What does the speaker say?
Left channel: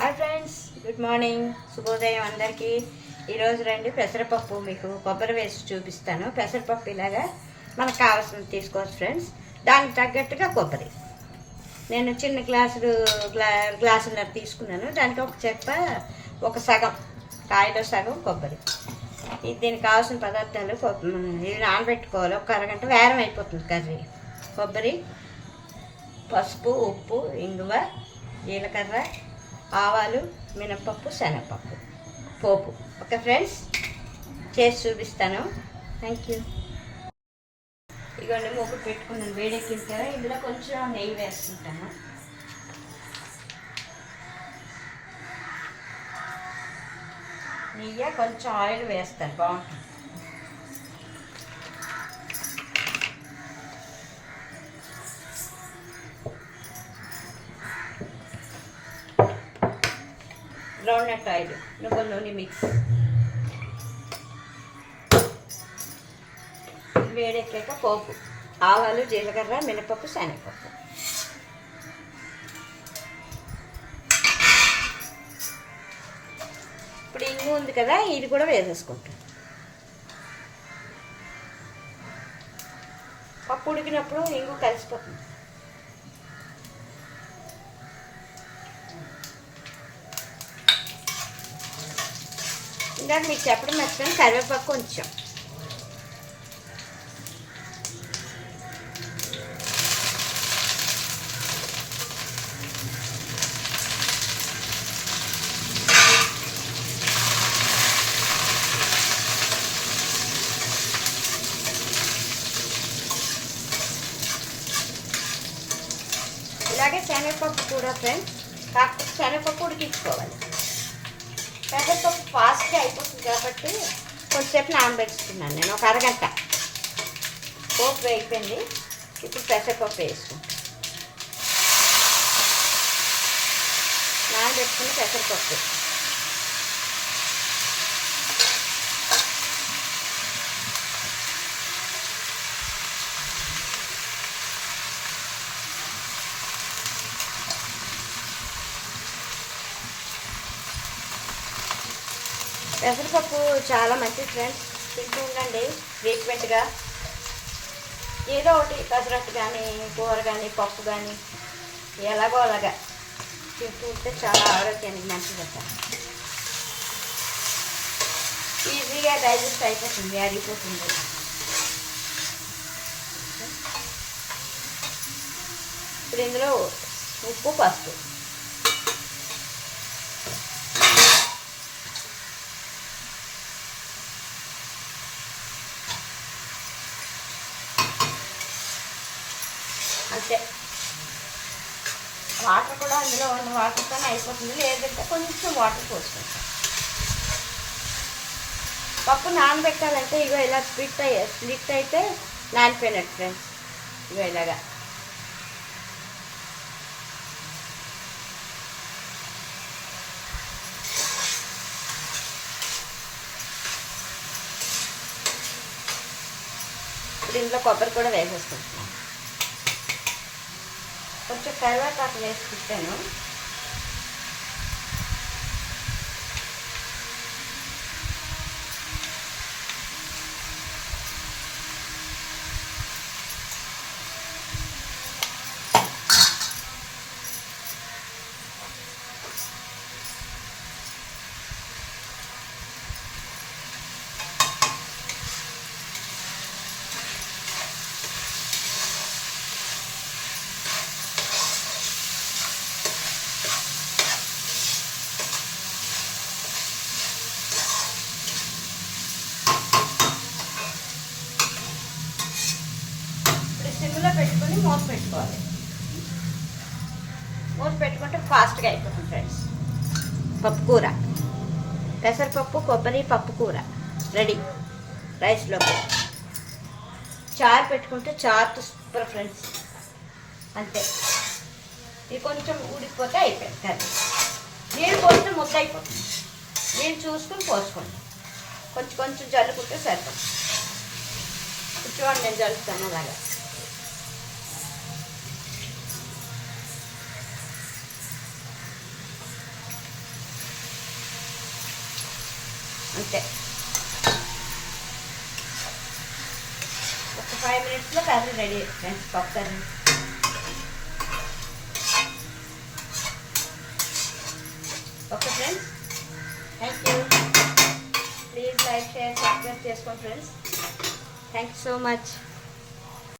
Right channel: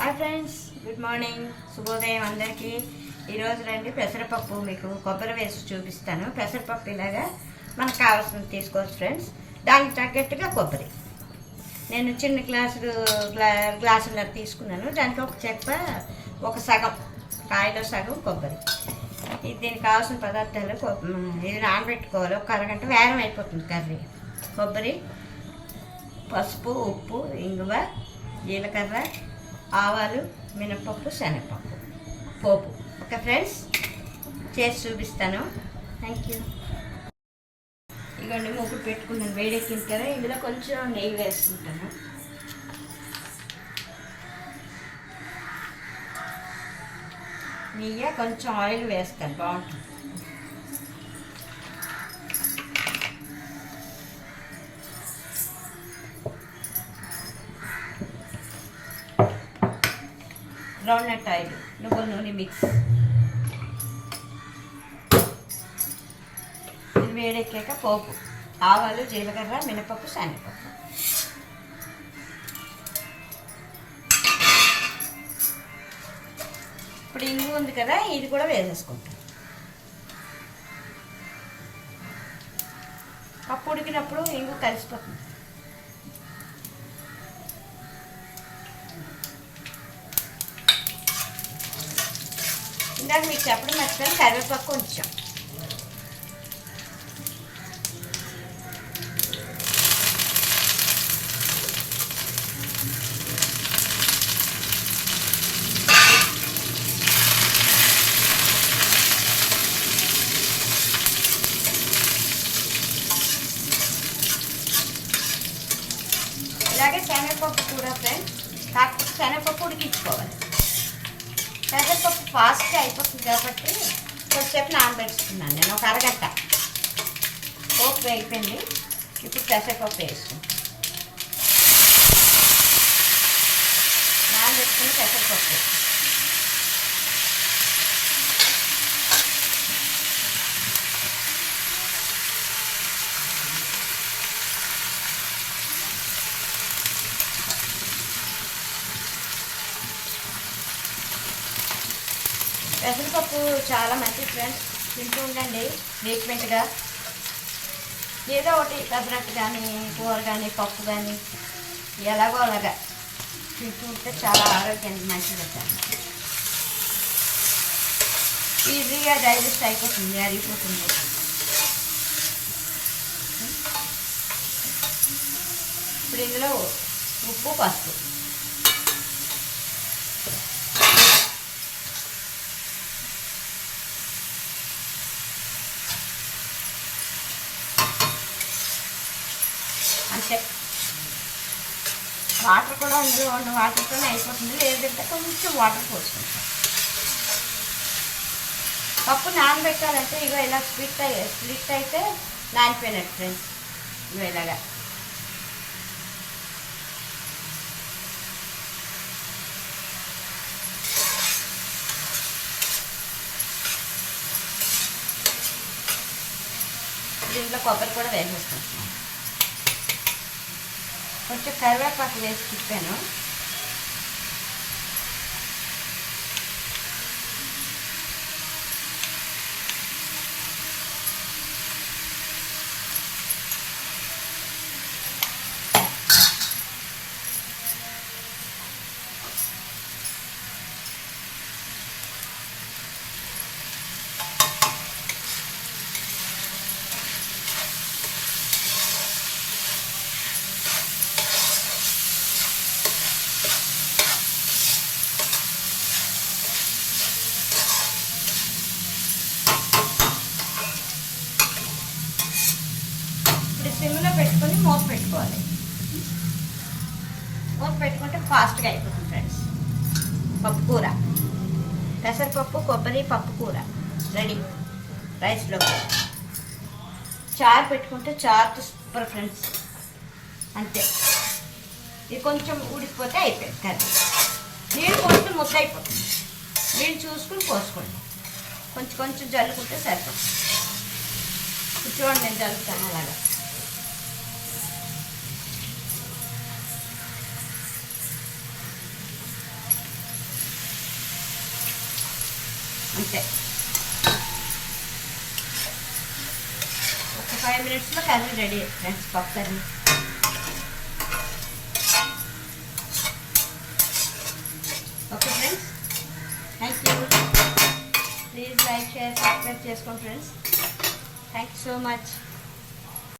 Hi friends, good morning, శుభోదయం అందరికీ. ఈరోజు రండి పెసరపప్పు మీకు కొబ్బరి వేసి చూపిస్తాను. పెసరపప్పు ఇలాగా మనకు కావాల్సింది తీసుకోవచ్చు ఫ్రెండ్స్. దానికి తగ్గట్టుగా కొబ్బరి నేను చిన్న గ్లాసున్నర తీసుకున్నాను. దానికి ఒక చెక్క, ఒక సగం కాయలో సగం కొబ్బరి. దీనికి కావాల్సిన పదార్థాలు ఇవి నానబెట్టుకోవాలి. ఒక అరగంట వేరం అయిపోతుంది కర్రీ. కొబ్బరి, పసుపు, ఉప్పు, ఇంగువ, జీలకర్ర, ఆవాలు, మినపప్పు, శనగపప్పు, పోపు. ఓకే ఫ్రెండ్స్, చేసి చూపిస్తాను. Thank you. ఇదిగోండి, మూకుడు పెట్టుకున్నాను, వేడెక్కిన కదా. ఇందులో కొంచెం నెయ్యి వేసుకుంటాను. నెయ్యి కొంచెం ఆయిల్ వేస్తాను, బాగుంటుంది. గ్రౌండ్నట్ ఆయిల్, నువ్వుల నూనె మిక్స్. ఇది వేడెక్కాక పోపు, ఆవాలు, జీలకర్ర, మినపప్పు, శనగపప్పు. ఇప్పుడు ఇంగు ఉంది కదా, ఇది కూడా వేసేసుకుంటాం. పప్పు ఉడికినప్పుడు ఇంగు కలిసిపోతుంది. ఇందాక మీకు చెప్పడం మర్చిపోయాను, కరివేపాకు కొంచెం. ఇలాగే శనగపప్పు కూడా ఫ్రెండ్స్, కాకపోతే శనగపప్పు ఉడికించుకోవాలి. పెసరపప్పు ఫాస్ట్గా అయిపోతుంది కాబట్టి కొద్దిసేపు నానబెట్టుకున్నాను నేను, ఒక అరగంట. పోపు అయిపోయింది. ఇప్పుడు పెసరపప్పు వేసుకుంటాను. నానబెట్టుకుని పెసరపప్పు పెసరపప్పు చాలా మంచిది ఫ్రెండ్స్. తింటూ ఉండండి ఫ్రీక్వెంట్గా. ఏదో ఒకటి పెసరట్టు కానీ, కూర కానీ, పప్పు కానీ, ఎలాగో అలాగా తింటూ ఉంటే చాలా ఆరోగ్యానికి మంచిదట. ఈజీగా డైజెస్ట్ అయిపోతుంది, అరిగిపోతుంది. ఇప్పుడు ఇందులో ఉప్పు, పసుపు, అంతే. వాటర్ కూడా అందులో ఉన్న వాటర్తోనే అయిపోతుంది. లేదంటే కొంచెం వాటర్ పోసుకుంటాం. పప్పు నానబెట్టాలంటే ఇగో ఇలా స్ప్లిట్ అయితే నానిపోయినట్టు ఫ్రెండ్స్. ఇగో ఇలాగా దీంట్లో కొబ్బరి కూడా వేసేస్తాం. కొంచెం కరివేపాకు వేసి తిప్పాను. సిమ్లో పెట్టుకొని మూత పెట్టుకోవాలి. మూత పెట్టుకుంటే ఫాస్ట్గా అయిపోతుంది ఫ్రెండ్స్. పప్పు కూర, పెసరపప్పు, కొబ్బరి పప్పు కూర రెడీ. రైస్లో చారు పెట్టుకుంటే చారుతో సూపర్ ఫ్రెండ్స్. అంతే. ఇది కొంచెం ఉడికిపోతే అయిపోయింది కర్రీ. నీళ్ళు పోస్తే ముద్ద అయిపోతుంది. నీళ్ళు చూసుకుని పోసుకోండి. కొంచెం కొంచెం జల్లుకుంటే సరిపోతుంది. చూడండి, నేను జల్లుతాను అలాగా. అంతే. ఒక 5 minutesలో కర్రీ రెడీ ఫ్రెండ్స్, పప్పు curry. Okay friends, thank you. Please like, share, subscribe చేసుకోండి friends. Thank you so much.